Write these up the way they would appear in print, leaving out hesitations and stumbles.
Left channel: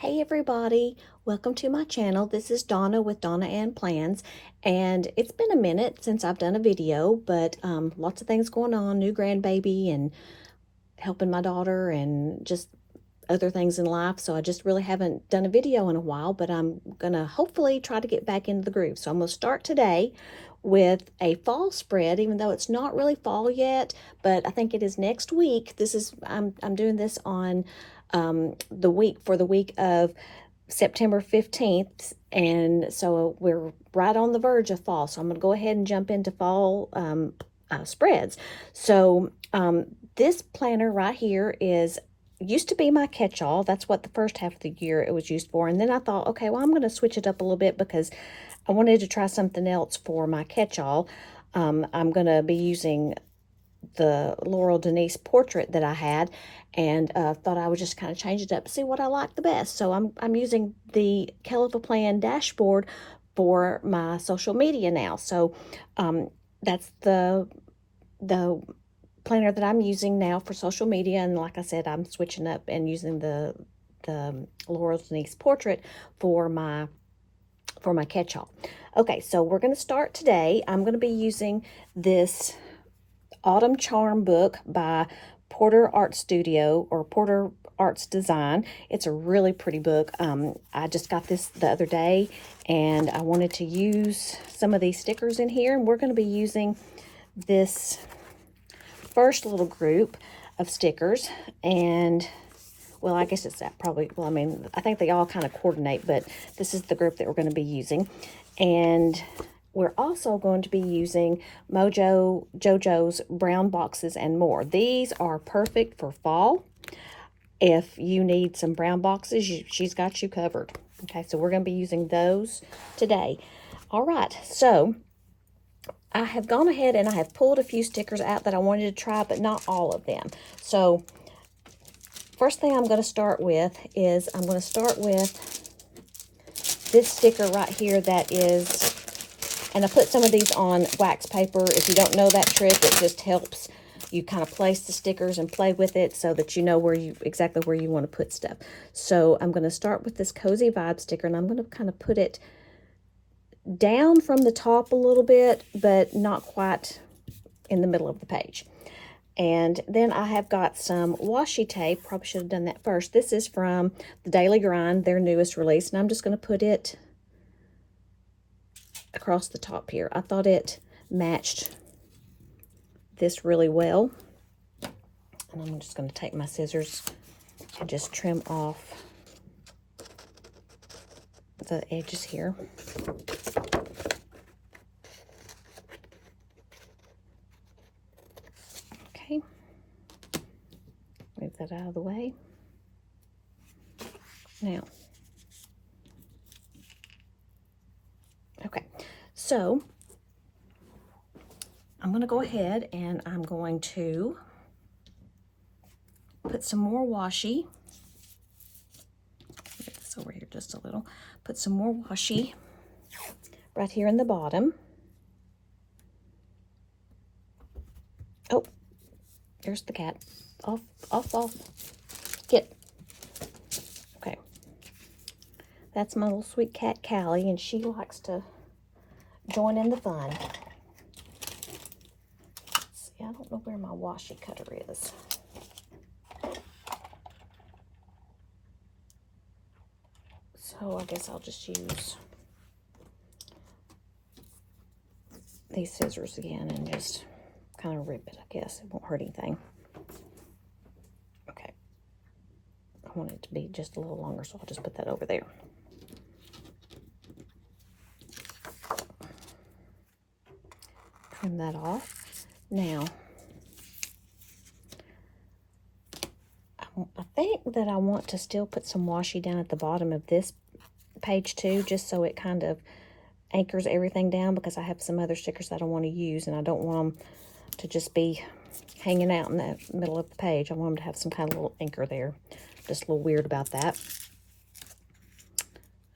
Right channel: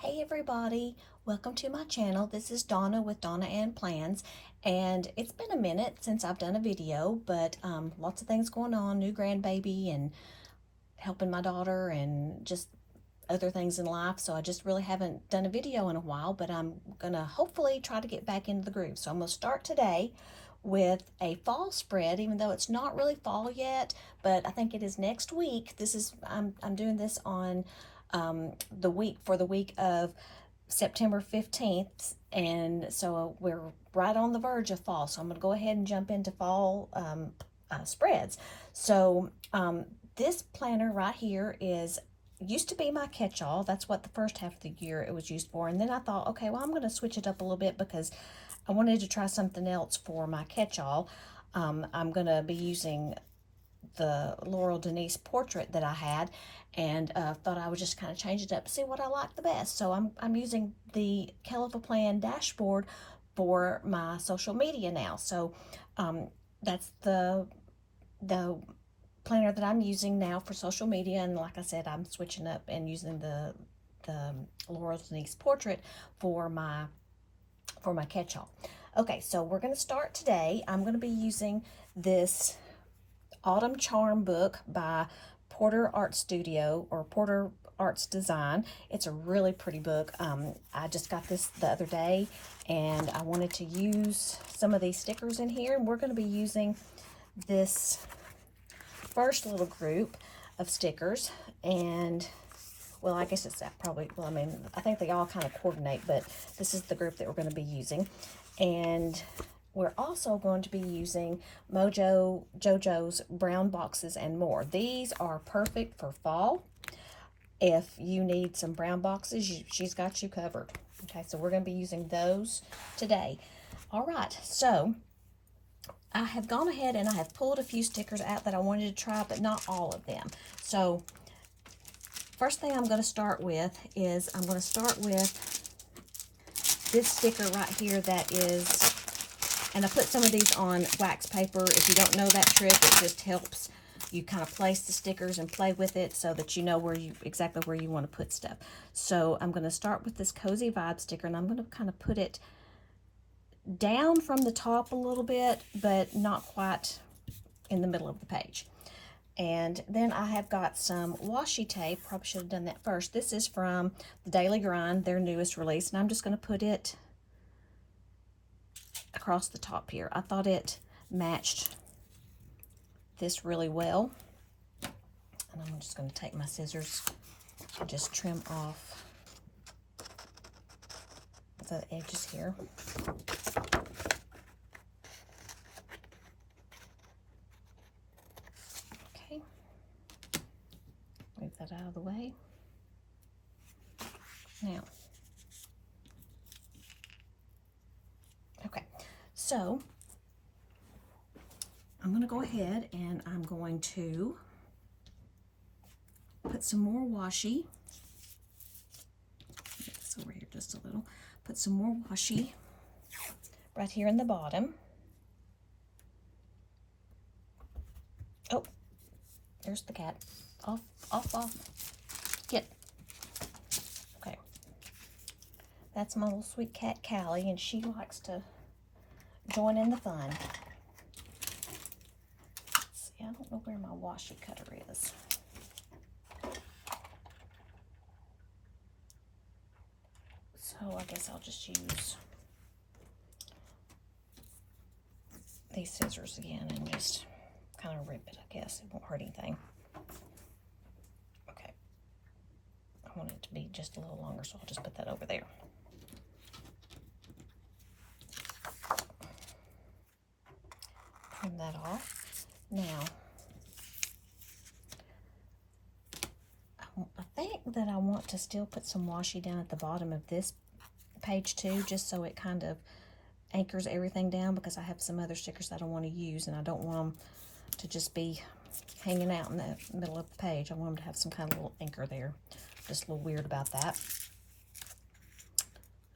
Hey everybody, welcome to my channel. This is Donna with Donna Ann Plans, and it's been a minute since I've done a video, but lots of things going on, new grandbaby and helping my daughter and just other things in life. So I just really haven't done a video in a while, but I'm gonna hopefully try to get back into the groove. So I'm gonna start today with a fall spread, even though it's not really fall yet, but I think it is next week. I'm doing this on the week of September 15th, and so we're right on the verge of fall. So I'm going to go ahead and jump into fall spreads. So this planner right here used to be my catch-all. That's what the first half of the year it was used for. And then I thought, okay, well, I'm going to switch it up a little bit because I wanted to try something else for my catch-all. I'm going to be using the Laurel Denise portrait that I had, and thought I would just kind of change it up, see what I like the best. So I'm using the Califa Plan dashboard for my social media now. So that's the planner that I'm using now for social media, and like I said, I'm switching up and using the Laurel Denise portrait for my catch-all. Okay, so we're going to start today. I'm going to be using this Autumn Charm book by Porter Art Studio, or Porter Arts Design. It's a really pretty book. I just got this the other day, and I wanted to use some of these stickers in here, and we're going to be using this first little group of stickers. And well, I guess it's that probably, well, I mean, I think they all kind of coordinate, but this is the group that we're going to be using. And we're also going to be using JoJo's Brown Boxes and More. These are perfect for fall. If you need some brown boxes, she's got you covered. Okay, so we're going to be using those today. All right, so I have gone ahead and I have pulled a few stickers out that I wanted to try, but not all of them. So first thing I'm going to start with is I'm going to start with this sticker right here that is, and I put some of these on wax paper. If you don't know that trick, it just helps you kind of place the stickers and play with it so that you know exactly where you want to put stuff. So I'm going to start with this Cozy Vibe sticker, and I'm going to kind of put it down from the top a little bit, but not quite in the middle of the page. And then I have got some washi tape. Probably should have done that first. This is from the Daily Grind, their newest release, and I'm just going to put it across the top here. I thought it matched this really well. And I'm just going to take my scissors and just trim off the edges here. Okay. Move that out of the way. Now, okay, so I'm going to go ahead and I'm going to put some more washi. Get this over here just a little. Put some more washi right here in the bottom. Oh, there's the cat. Off, off, off. Get. Okay. That's my little sweet cat, Callie, and she likes to join in the fun. Let's see, I don't know where my washi cutter is. So I guess I'll just use these scissors again and just kind of rip it, I guess. It won't hurt anything. Okay. I want it to be just a little longer, so I'll just put that over there. Trim that off. Now, I think that I want to still put some washi down at the bottom of this page too, just so it kind of anchors everything down, because I have some other stickers that I want to use, and I don't want them to just be hanging out in the middle of the page. I want them to have some kind of little anchor there. Just a little weird about that.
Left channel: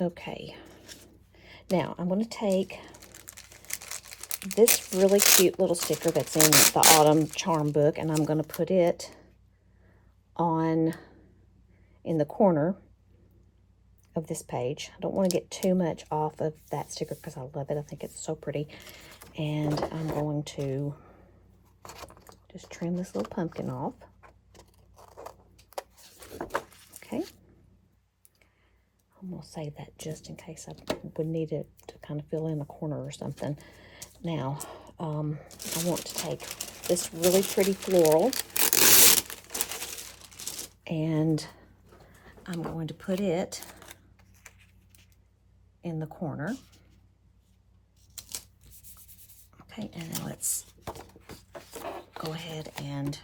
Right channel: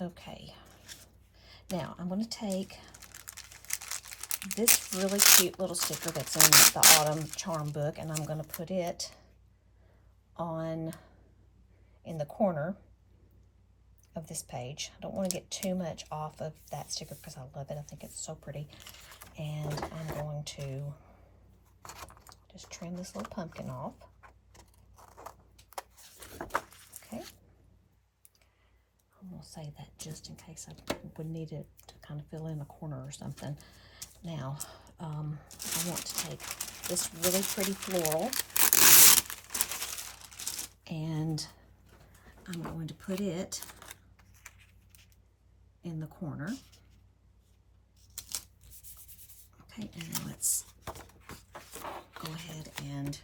Okay. Now, I'm going to take this really cute little sticker that's in the Autumn Charm book, and I'm going to put it on in the corner of this page. I don't want to get too much off of that sticker because I love it. I think it's so pretty. And I'm going to just trim this little pumpkin off. Okay. I'm going to save that just in case I would need it to kind of fill in a corner or something. Now, I want to take this really pretty floral and I'm going to put it in the corner. Okay, and now let's go ahead and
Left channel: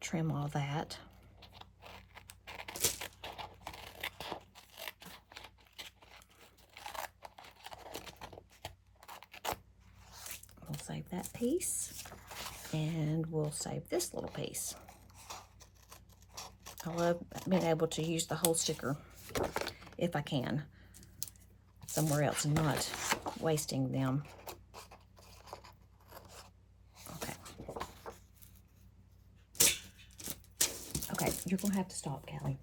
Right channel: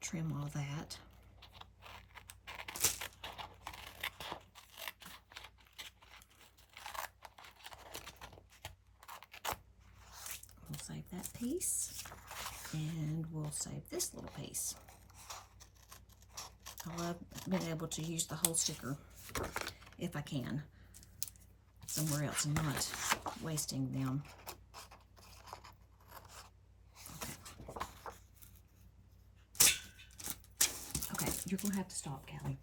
trim all that. We'll save that piece, and we'll save this little piece. I love being able to use the whole sticker if I can somewhere else and not wasting them. Okay. Okay, you're gonna have to stop, Callie.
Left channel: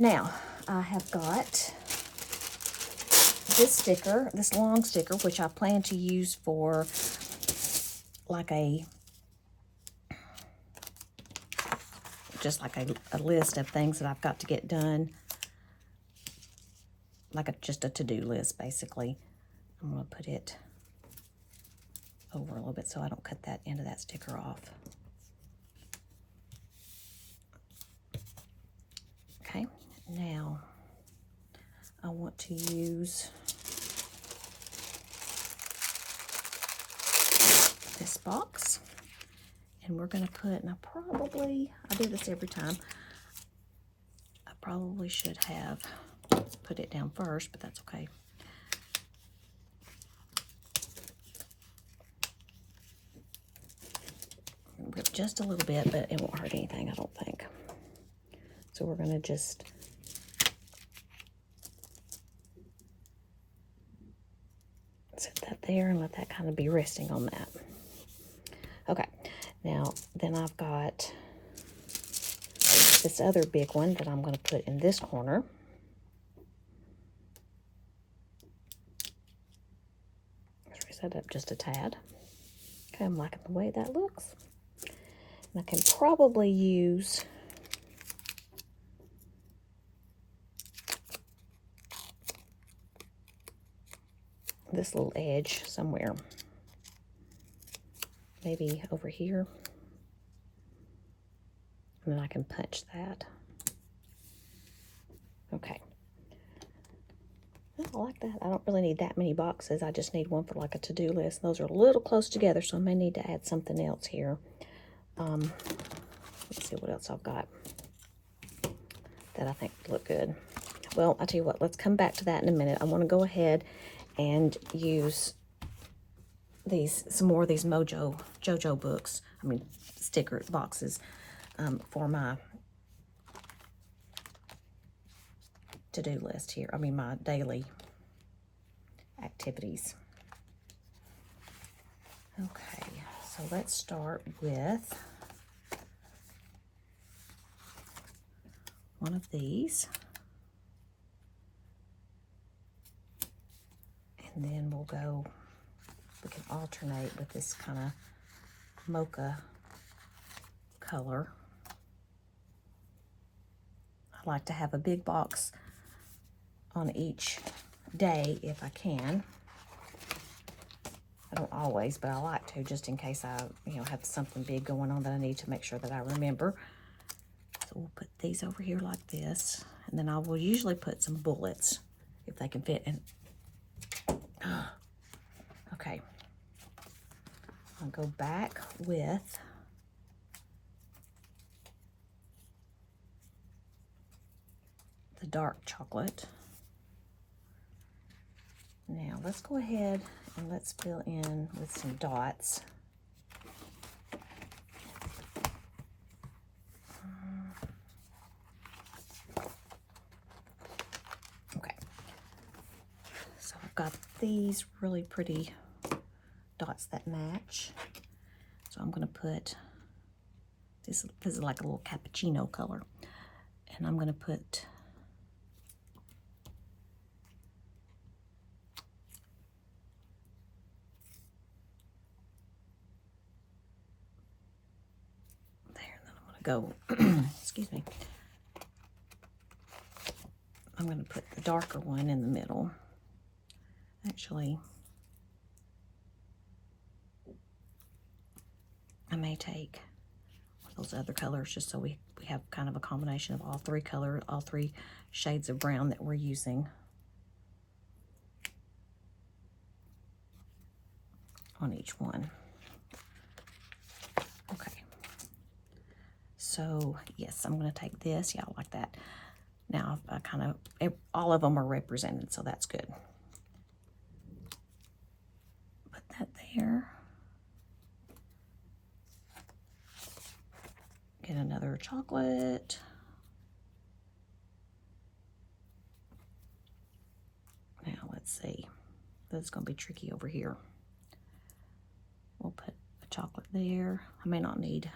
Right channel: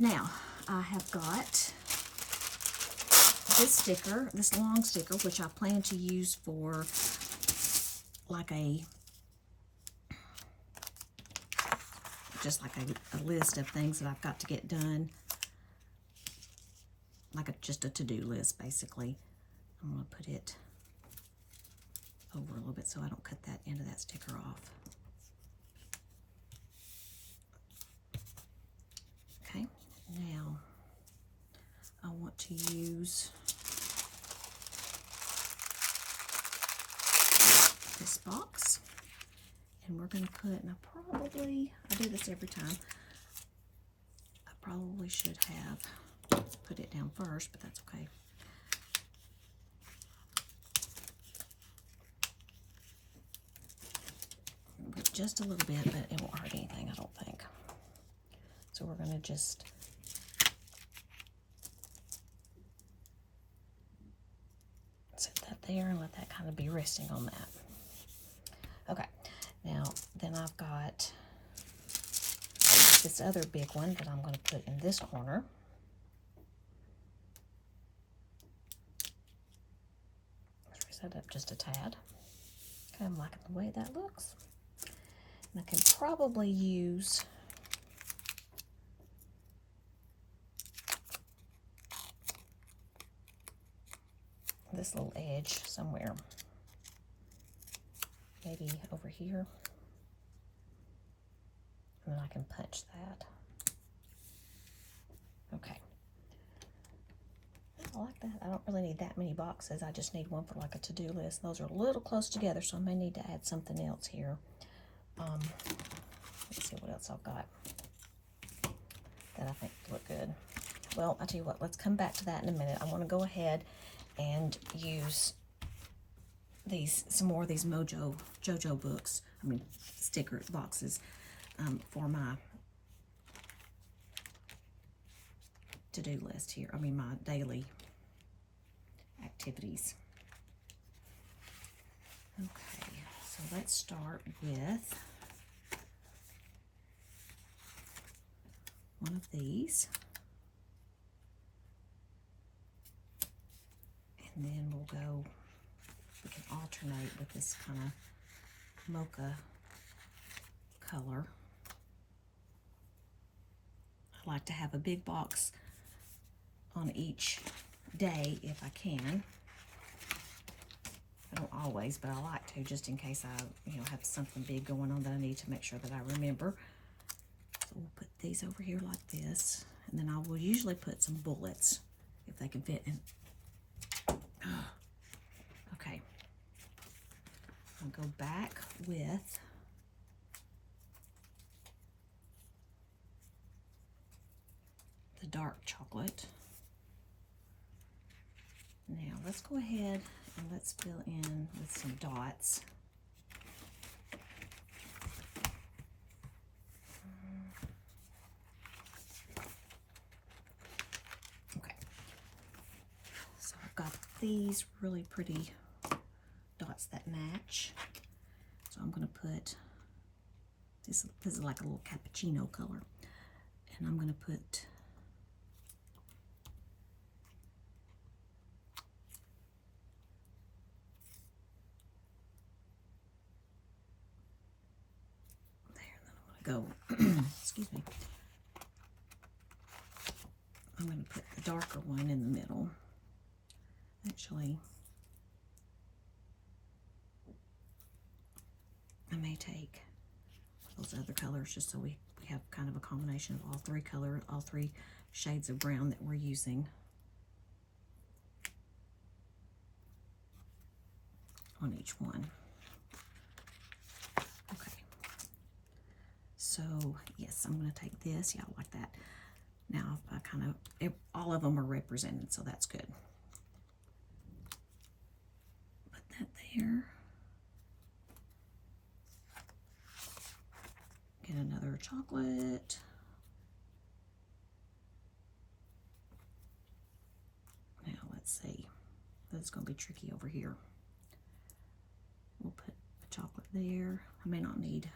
Now, I have got this sticker, this long sticker, which I plan to use for like just like a list of things that I've got to get done, like just a to-do list, basically. I'm going to put it over a little bit so I don't cut that end of that sticker off. Okay, now I want to use this box. And we're going to put, and I do this every time. I probably should have put it down first, but that's okay. Rip just a little bit, but it won't hurt anything, I don't think. So we're going to just set that there and let that kind of be resting on that. Okay. Now, then I've got this other big one that I'm going to put in this corner. Let's raise that up just a tad. Okay, I'm liking the way that looks. And I can probably use this little edge somewhere. Maybe over here. And then I can punch that. Okay. I like that. I don't really need that many boxes. I just need one for like a to-do list. Those are a little close together, so I may need to add something else here. Let's see what else I've got that I think look good. Well, I'll tell you what, let's come back to that in a minute. I want to go ahead and use some more of these JoJo books, sticker boxes, for my to-do list here. My daily activities. Okay, so let's start with one of these. And then we can alternate with this kind of mocha color. I like to have a big box on each day if I can. I don't always, but I like to, just in case I have something big going on that I need to make sure that I remember. So we'll put these over here like this, and then I will usually put some bullets if they can fit in. Okay. I'll go back with the dark chocolate. Now let's go ahead and let's fill in with some dots. Okay. So I've got these really pretty dots that match. So I'm going to put this is like a little cappuccino color. And I'm going to put go, excuse me, I'm going to put the darker one in the middle. Actually, I may take those other colors just so we have kind of a combination of all three shades of brown that we're using on each one. Okay. So, yes, I'm going to take this. Yeah, I like that. Now, I kind of, all of them are represented, so that's good. Put that there. Get another chocolate. Now, let's see. That's going to be tricky over here. We'll put a chocolate there. I may not need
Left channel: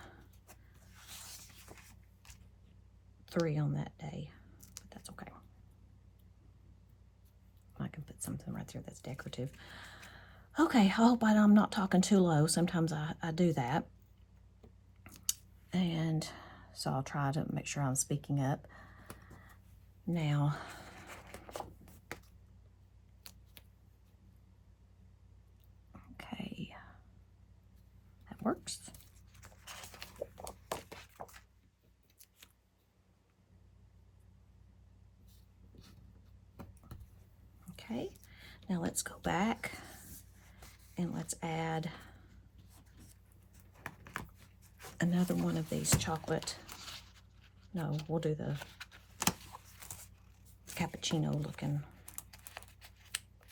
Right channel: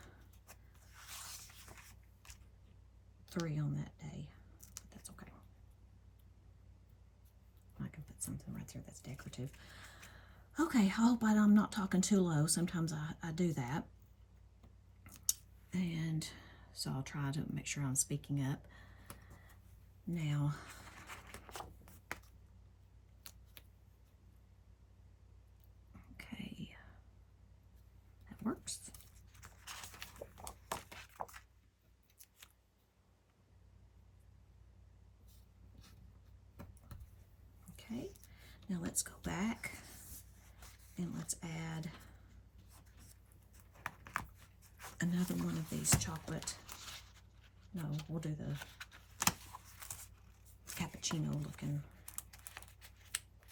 3 on that day, but that's okay. I can put something right there that's decorative. Okay, I hope I'm not talking too low. Sometimes I do that. And so I'll try to make sure I'm speaking up. Now, okay, that works. Okay, now let's go back and let's add another one of these chocolate. No, we'll do the cappuccino looking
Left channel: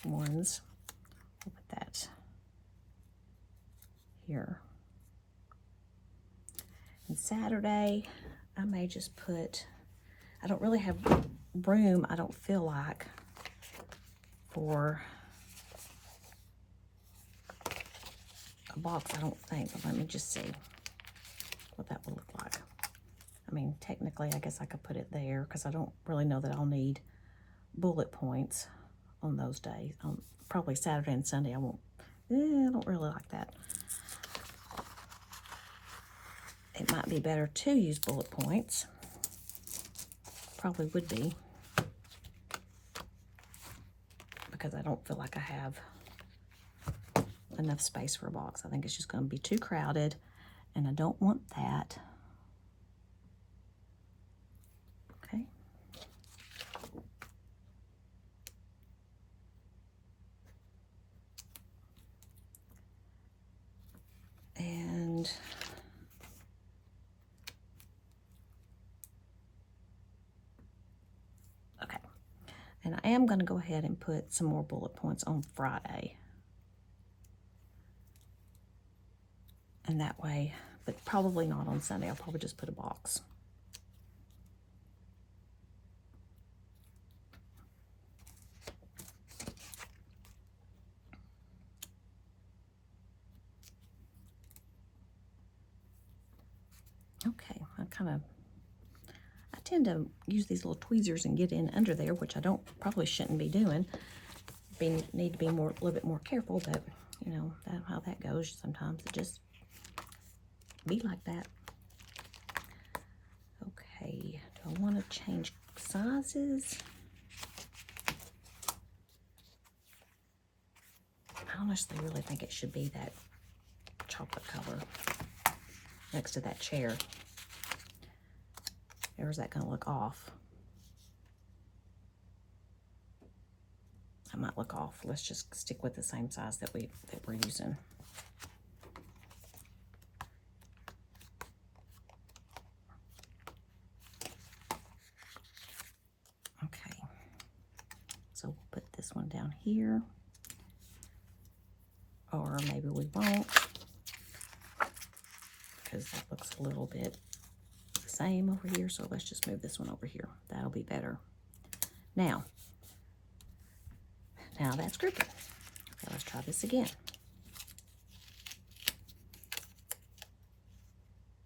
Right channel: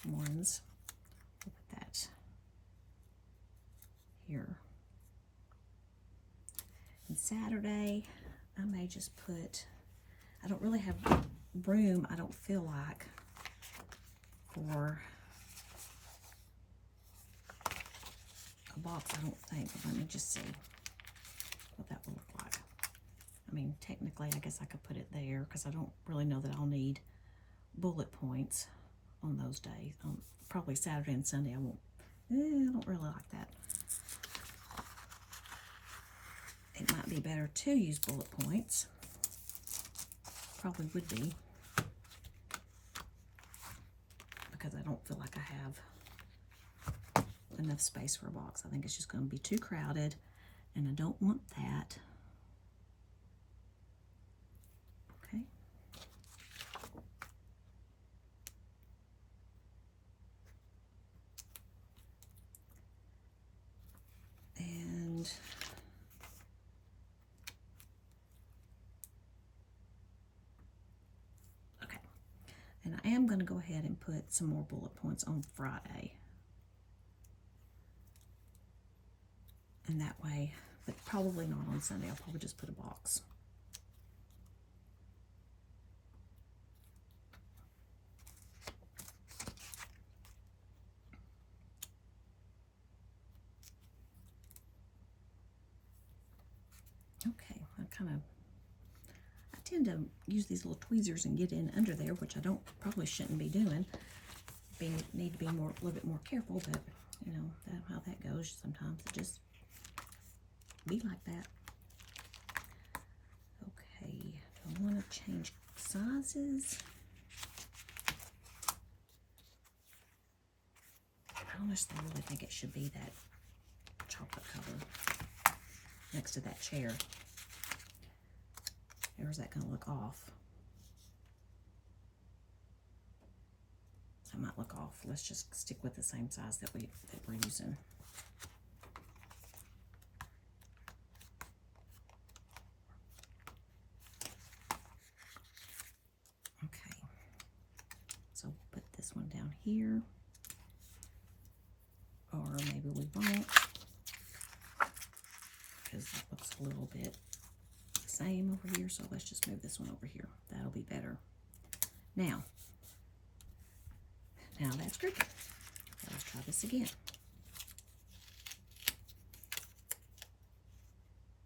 ones. We'll put that here. And Saturday, I may just put, I don't really have room, I don't feel like, for a box, I don't think. But let me just see what that will look like. I mean, technically, I guess I could put it there because I don't really know that I'll need bullet points on those days. Probably Saturday and Sunday, I won't. I don't really like that. It might be better to use bullet points. Probably would be. Because I don't feel like I have enough space for a box. I think it's just going to be too crowded, and I don't want that. Okay. And okay. And I am going to go ahead and put some more bullet points on Friday. And that way, but probably not on Sunday. I'll probably just put a box. Okay, I tend to use these little tweezers and get in under there, which I probably shouldn't be doing. Need to be a little bit more careful, but you know how that goes. Sometimes it just be like that. Okay, do I want to change sizes? I honestly really think it should be that chocolate color next to that chair. Or is that going to look off? That might look off. Let's just stick with the same size that we're using. Okay. So we'll put this one down here. Or maybe we won't, because that looks a little bit the same over here. So let's just move this one over here. That'll be better. Now that's grouped. So let's try this again.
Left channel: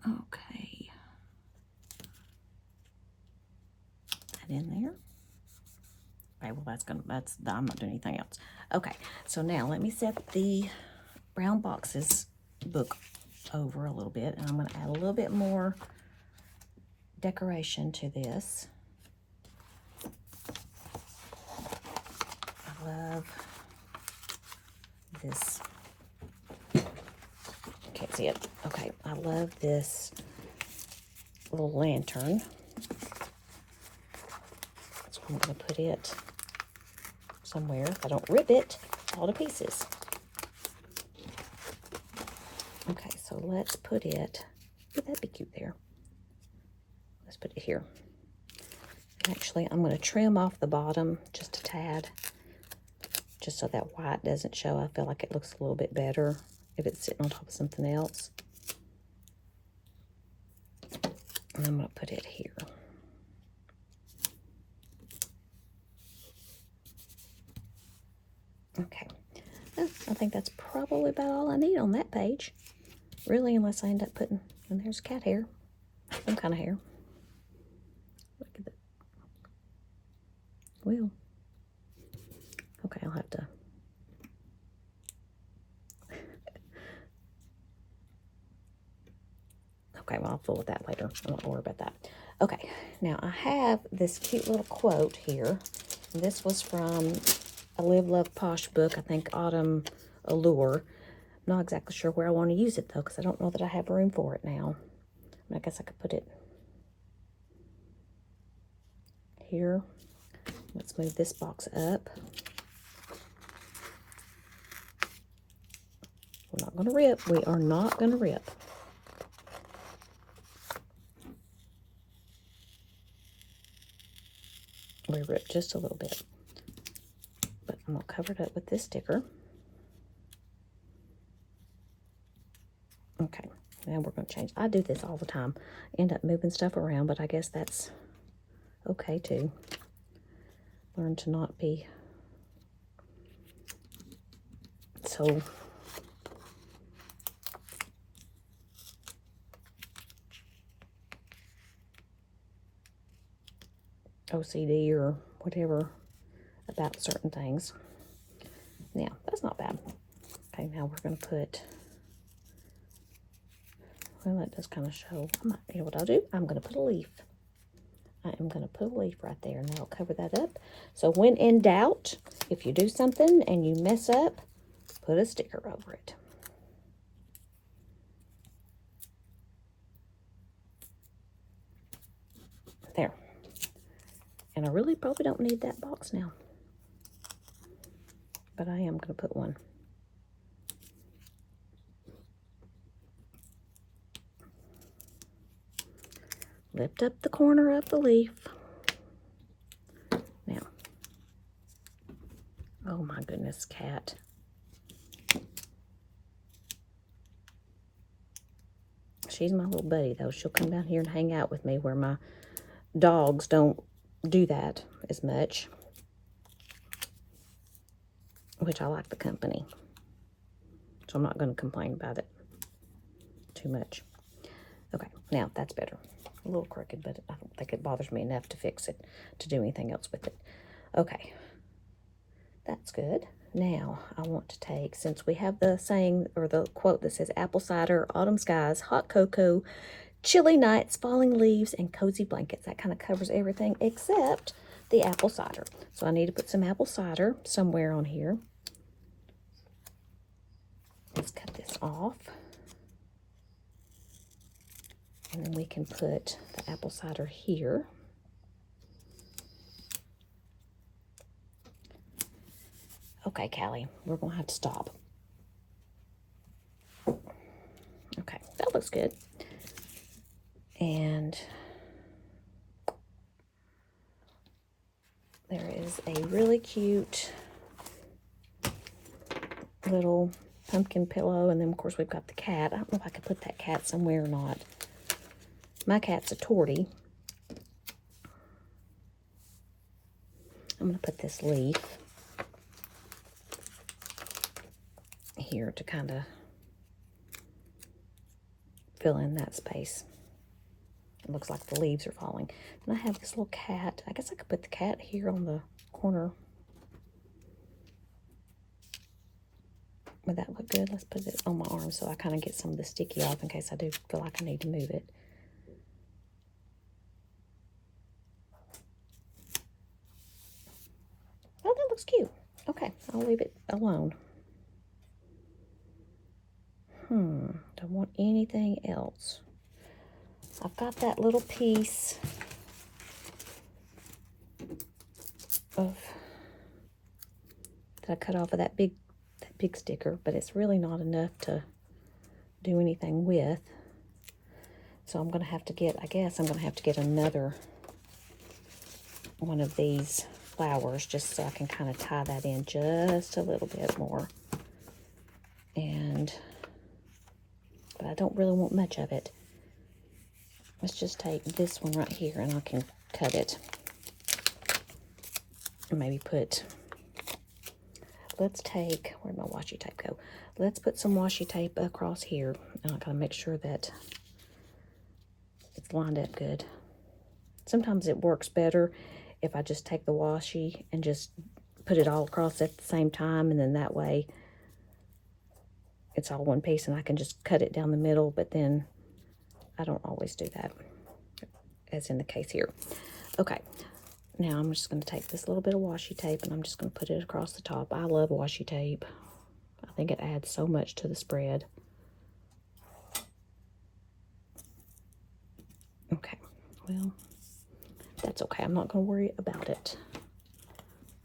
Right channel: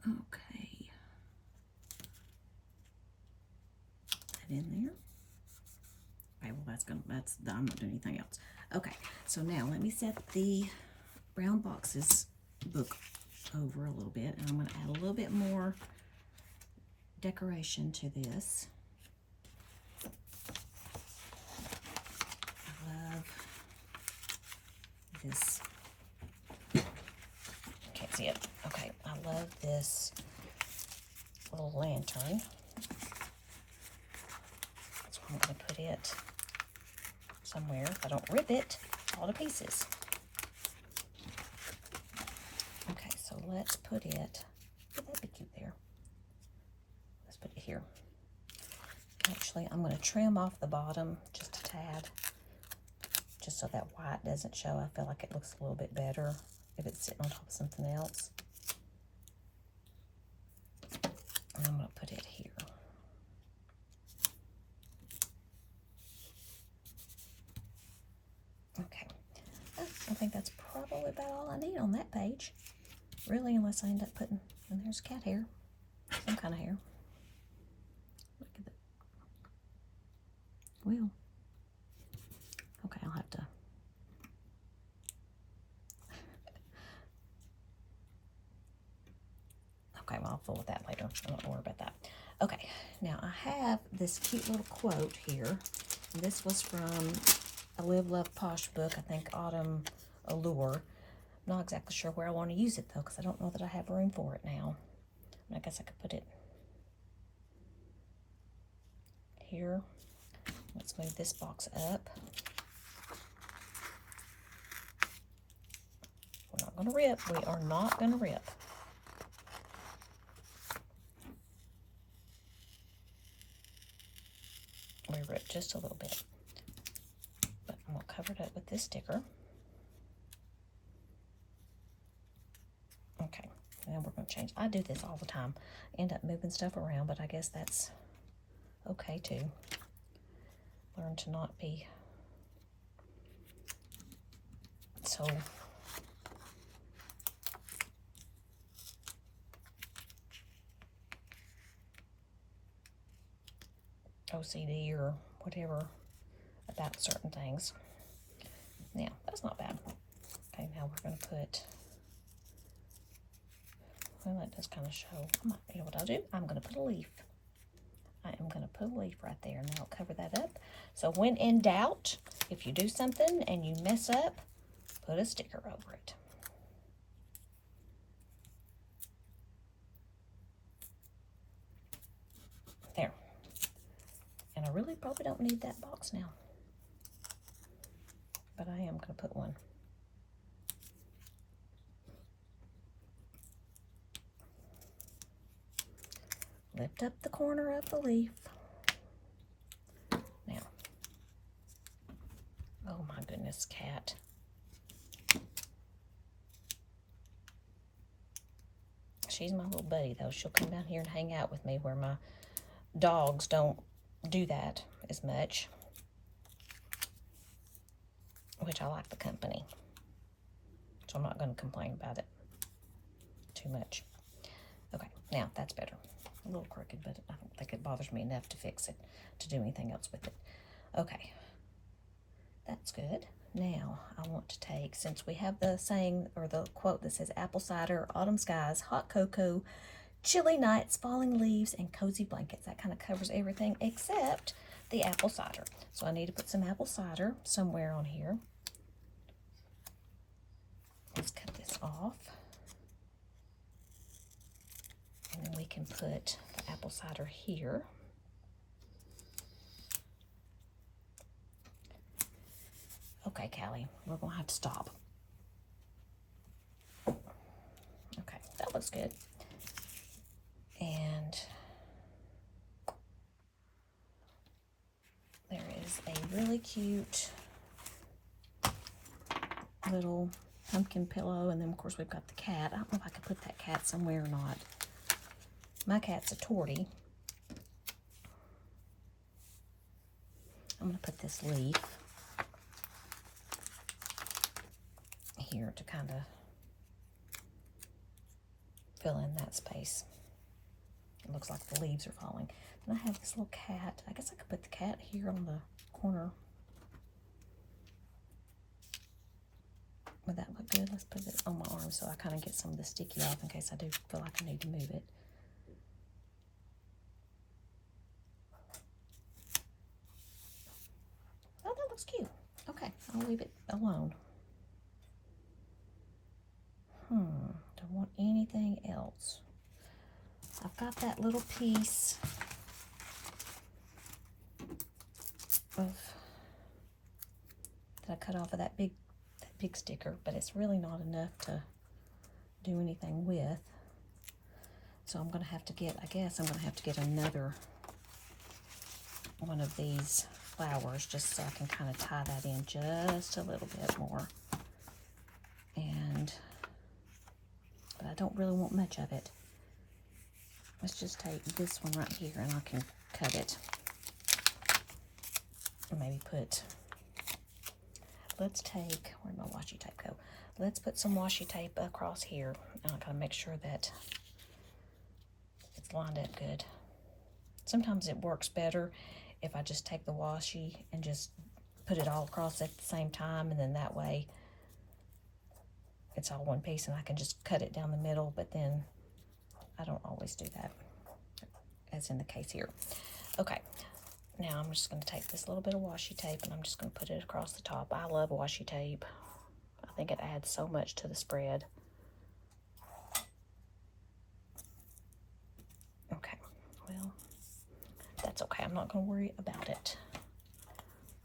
Okay. That in there. Okay, well I'm not doing anything else. Okay, so now let me set the brown boxes book over a little bit, and I'm going to add a little bit more decoration to this. I love this. Can't see it. Okay, I love this little lantern. So I'm going to put it somewhere. If I don't rip it all to pieces. Okay, so let's put it. Would that be cute there? Let's put it here. Actually, I'm going to trim off the bottom just a tad, just so that white doesn't show. I feel like it looks a little bit better if it's sitting on top of something else. And I'm going to put it here. Okay, I think that's probably about all I need on that page. Really, unless I end up putting, and there's cat hair, some kind of hair. Look at that. Well, okay, I'll have to. Okay, well, I'll fool with that later. I won't worry about that. Okay, now I have this cute little quote here. This was from a Live, Love, Posh book, I think Autumn Allure. I'm not exactly sure where I want to use it, though, because I don't know that I have room for it now. I guess I could put it here. Let's move this box up. We're not going to rip. We are not going to rip. We ripped just a little bit. But I'm going to cover it up with this sticker. Okay, now we're going to change. I do this all the time. End up moving stuff around, but I guess that's okay too. Learn to not be so OCD or whatever about certain things. Yeah, that's not bad. Okay, now we're going to put, well, that does kind of show. I might, you know what I'll do? I'm going to put a leaf. I am going to put a leaf right there, and that'll cover that up. So when in doubt, if you do something and you mess up, put a sticker over it. There. And I really probably don't need that box now. But I am going to put one. Lift up the corner of the leaf. Now. Oh my goodness, cat. She's my little buddy, though. She'll come down here and hang out with me, where my dogs don't do that as much. Which I like the company. So I'm not going to complain about it too much. Okay, now that's better. A little crooked, but I don't think it bothers me enough to fix it, to do anything else with it. Okay, that's good. Now I want to take, since we have the saying or the quote that says apple cider, autumn skies, hot cocoa, chilly nights, falling leaves, and cozy blankets. That kind of covers everything except the apple cider. So I need to put some apple cider somewhere on here. Let's cut this off. And then we can put the apple cider here. Okay, Callie, we're going to have to stop. Okay, that looks good. And there is a really cute little pumpkin pillow. And then, of course, we've got the cat. I don't know if I could put that cat somewhere or not. My cat's a tortie. I'm going to put this leaf here to kind of fill in that space. It looks like the leaves are falling. And I have this little cat. I guess I could put the cat here on the corner. Would that look good? Let's put it on my arm so I kind of get some of the sticky off in case I do feel like I need to move it. was cute. Okay, I'll leave it alone. Don't want anything else. I've got that little piece of that I cut off of that big sticker, but it's really not enough to do anything with. So I'm gonna have to get, I guess I'm gonna have to get another one of these flowers just so I can kind of tie that in just a little bit more. But I don't really want much of it. Let's just take this one right here and I can cut it. And maybe put, let's take, where'd my washi tape go? Let's put some washi tape across here. And I'm gonna make sure that it's lined up good. Sometimes it works better if I just take the washi and just put it all across at the same time, and then that way it's all one piece and I can just cut it down the middle, but then I don't always do that, as in the case here. Okay, now I'm just going to take this little bit of washi tape and I'm just going to put it across the top. I love washi tape. I think it adds so much to the spread. Okay, well, that's okay. I'm not going to worry about it.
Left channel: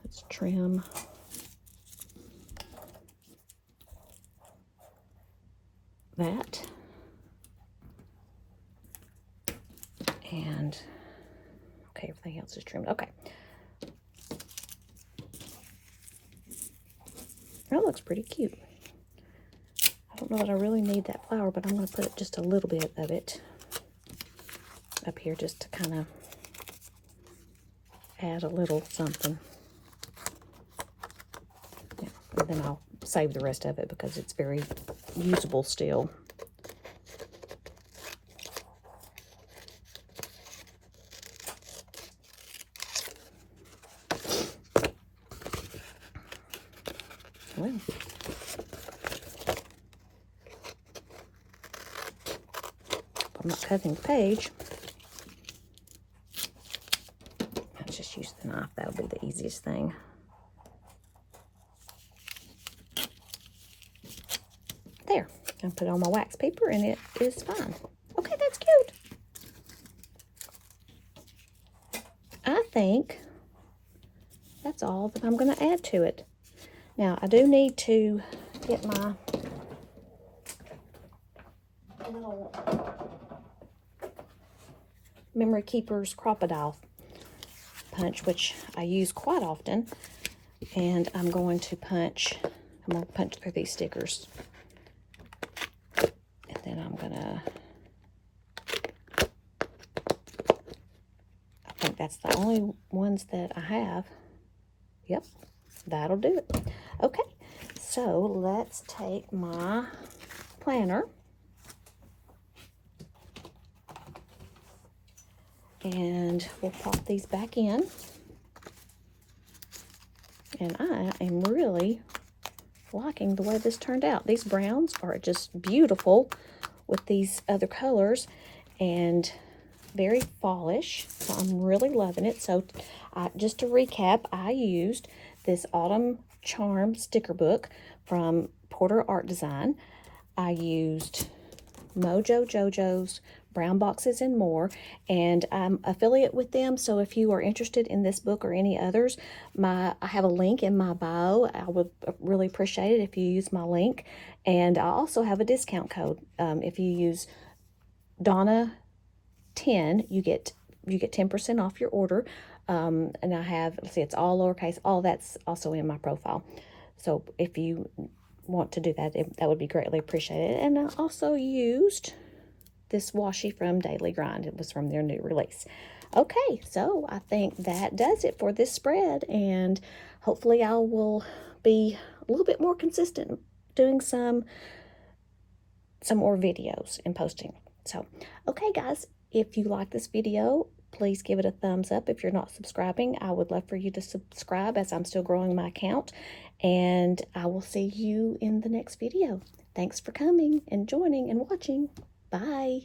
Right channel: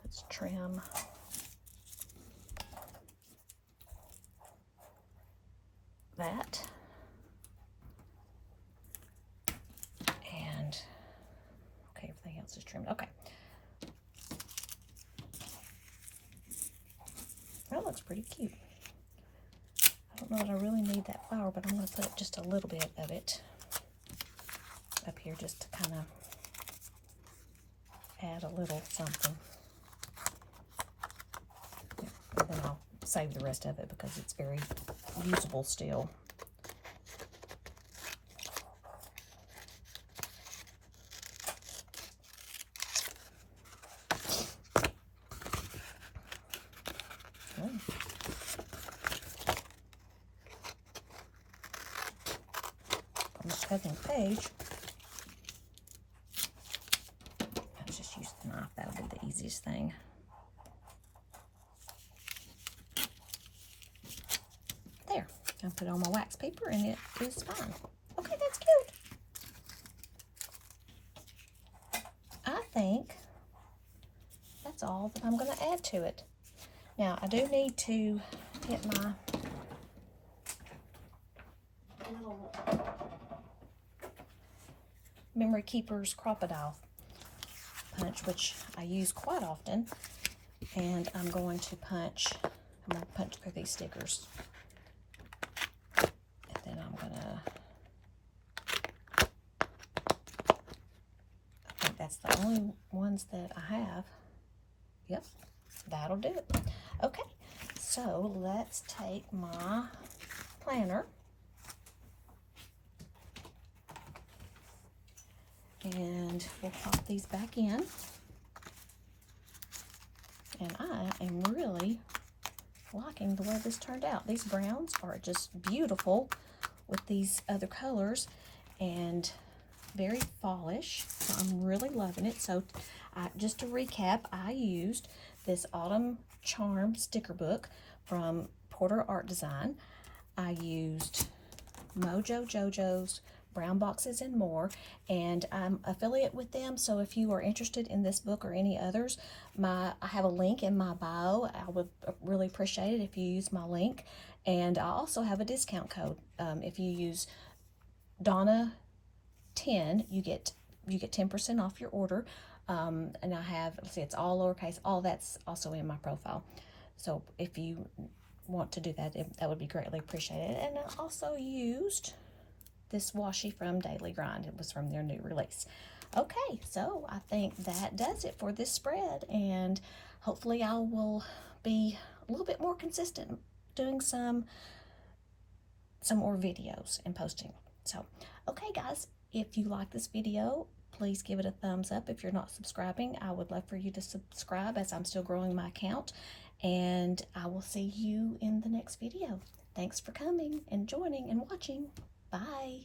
Let's trim. That. And, okay, everything else is trimmed. Okay. That looks pretty cute. I don't know that I really need that flower, but I'm going to put just a little bit of it up here just to kind of add a little something. Yeah, and then I'll save the rest of it because it's very usable still. Well, I'm not cutting the page. Let's just use the knife. That'll be the easiest thing. There. I'll put it on my wax paper and it is fine. Okay, that's cute. I think that's all that I'm going to add to it. Now, I do need to get my little Memory Keepers Crocodile punch, which I use quite often. And I'm going to punch through these stickers. And then I'm going to, I think that's the only ones that I have. Yep, that'll do it. Okay, so let's take my planner and we'll pop these back in. And I am really liking the way this turned out. These browns are just beautiful with these other colors and very fallish. So I'm really loving it. So just to recap, I used this Autumn Charm sticker book from Porter Art Design. I used Mojo Jojo's Brown Boxes and More, and I'm affiliate with them, so if you are interested in this book or any others, I have a link in my bio. I would really appreciate it if you use my link, and I also have a discount code. If you use Donna10, you get 10% off your order. And I have, let's see, it's all lowercase. All that's also in my profile. So if you want to do that, that would be greatly appreciated. And I also used this washi from Daily Grind. It was from their new release. Okay, so I think that does it for this spread. And hopefully I will be a little bit more consistent doing some more videos and posting. So, okay, guys, if you like this video, please give it a thumbs up. If you're not subscribing, I would love for you to subscribe as I'm still growing my account. And I will see you in the next video. Thanks for coming and joining and watching. Bye.